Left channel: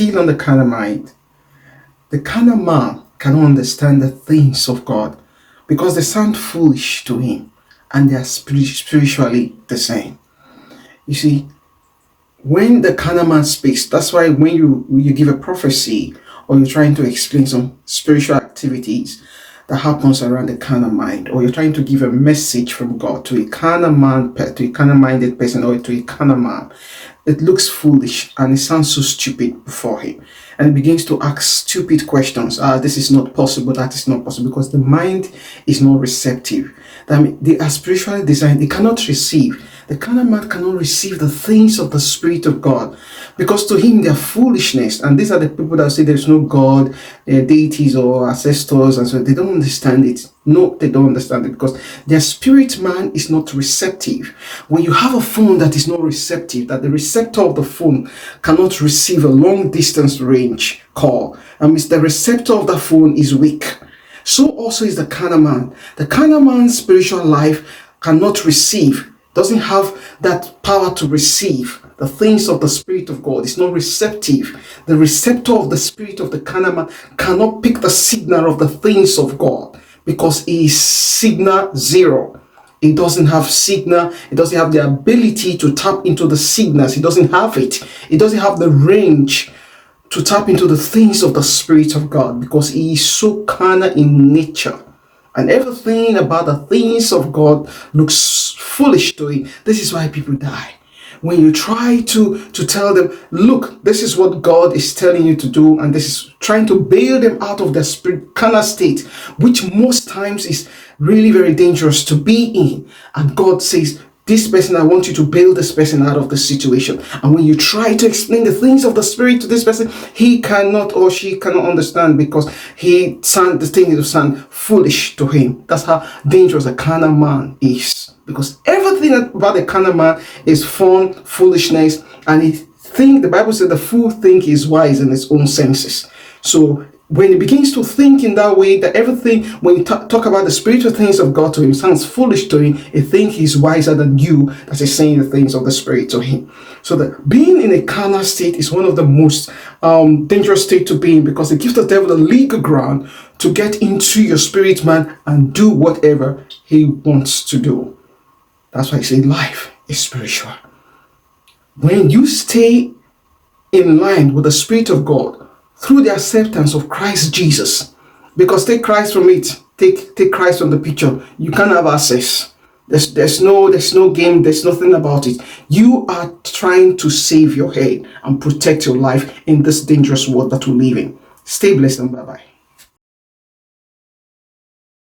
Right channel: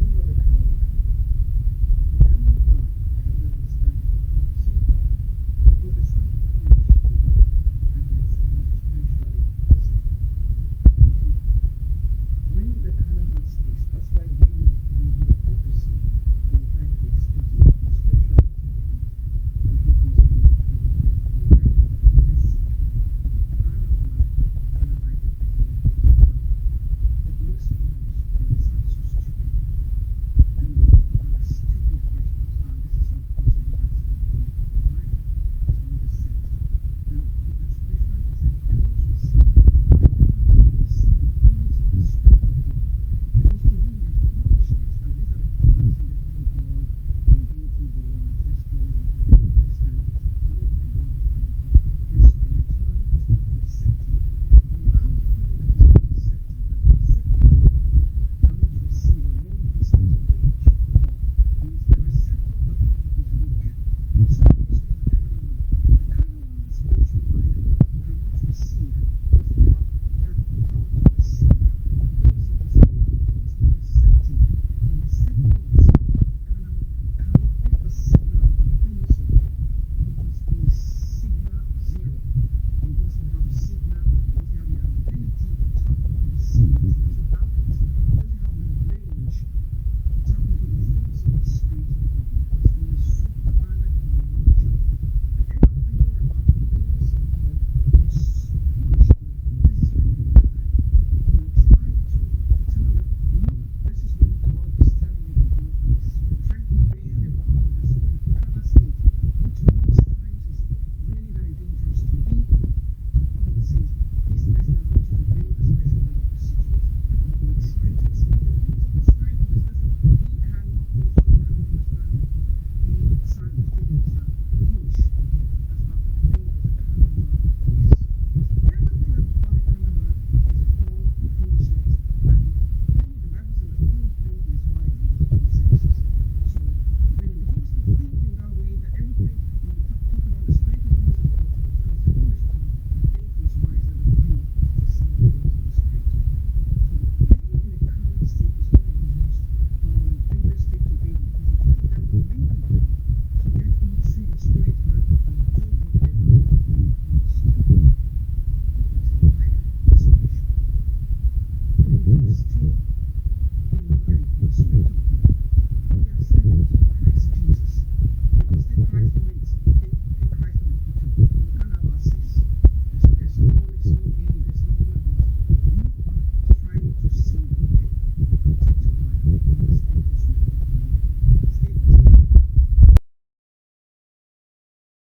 still on the carnal mind. The carnal man cannot understand the things of God because they sound foolish to him and they are spiritually the same. You see, when the carnal man speaks, that's why when you give a prophecy or you're trying to explain some spiritual activities that happens around the carnal mind, or you're trying to give a message from God to a carnal man, to a carnal minded person, or to a carnal man, it looks foolish and it sounds so stupid before him, and he begins to ask stupid questions. This is not possible, that is not possible, because the mind is not receptive. They are spiritually designed. They cannot receive. The carnal man cannot receive the things of the Spirit of God, because to him they are foolishness. And these are the people that say there is no God, deities or ancestors, and so they don't understand it. No, they don't understand it because their spirit man is not receptive. When you have a phone that is not receptive, that the receptor of the phone cannot receive a long distance range call, and means the receptor of the phone is weak. So also is the carnal man. The carnal man's spiritual life cannot receive, doesn't have that power to receive the things of the Spirit of God. It's not receptive. The receptor of the Spirit of the carnal man cannot pick the signal of the things of God because he is signal zero. It doesn't have signal. It doesn't have the ability to tap into the signals. It doesn't have it. It doesn't have the range to tap into the things of the Spirit of God because he is so carnal in nature. And everything about the things of God looks foolish to him. This is why people die. When you try to tell them, look, this is what God is telling you to do, and this is trying to bail them out of their spirit carnal state, which most times is really very dangerous to be in. And God says, this person, I want you to bail this person out of the situation. And when you try to explain the things of the Spirit to this person, he cannot or she cannot understand because the thing sound foolish to him. That's how dangerous a carnal man is. Because everything about the carnal man is fun, foolishness, and the Bible says the fool think is wise in his own senses. So when he begins to think in that way, that everything, when you talk about the spiritual things of God to him, sounds foolish to him, he thinks he's wiser than you that is saying the things of the Spirit to him. So that being in a carnal state is one of the most dangerous state to be in, because it gives the devil a legal ground to get into your spirit man and do whatever he wants to do. That's why I say life is spiritual. When you stay in line with the Spirit of God through the acceptance of Christ Jesus, because take Christ from it, take Christ from the picture, you can't have access. There's no game, there's nothing about it. You are trying to save your head and protect your life in this dangerous world that we live in. Stay blessed and bye-bye.